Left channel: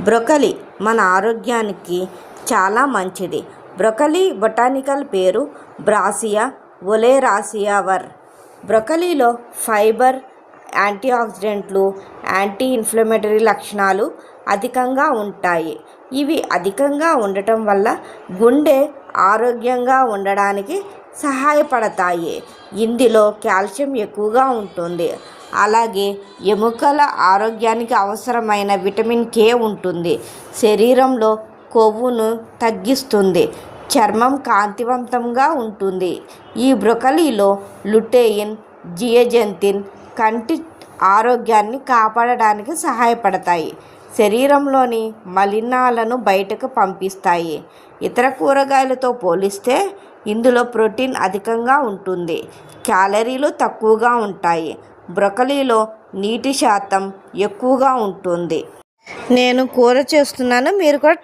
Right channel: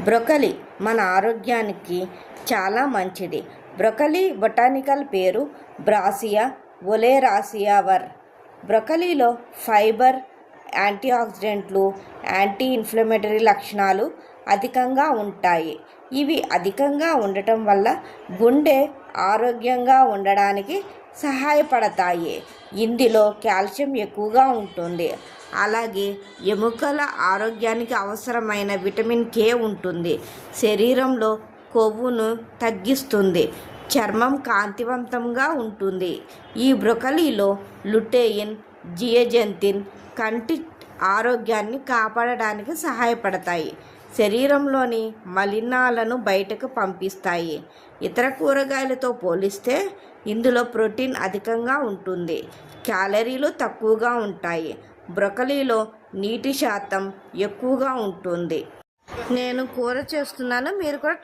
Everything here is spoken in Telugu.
బ్రొకలీ మన ఆరోగ్యానికి చాలా మంచిది. బ్రొకలీ బొటానికల్ పేరు బ్రాసియా ఒలెరాసియా. బ్రొకలీలో ఫైబర్, యాంటీఆక్సిడెంట్లు, యాంటీ ఇన్ఫ్లమేటరీ లక్షణాలు అధికంగా ఉంటాయి. ఇవి అధికంగా ఉండటం వల్ల గుండె ఆరోగ్యంగా ఉండడానికి సహాయపడతాయి. ఇందులో కాల్షియం ఎక్కువగా ఉంటుంది. అలాగే ఎముకల ఆరోగ్యానికి అవసరమైన విటమిన్ కే ఉంటుంది. శరీరంలో కొవ్వును తగ్గిస్తుంది. చర్మం కాంతివంతంగా ఉంటుంది. ఈ బ్రొకలీలో లుటెయిన్, జియజెంతిన్ కంటి ఆరోగ్యాన్ని కాపాడడానికి సహాయపడతాయి. శరీరంలోని మలినాలను బయటకు పంపిస్తాయి. ఇతర కూరగాయలతో పోలిస్తే ఇందులో ప్రోటీన్ అధికంగా ఉంటుంది. క్యాలరీలు తక్కువగా ఉంటాయి. బ్రొకలీలో నీటి శాతం ఎక్కువగా ఉంటుంది. నేను కూర చేస్తున్నాను, మీరు కూడా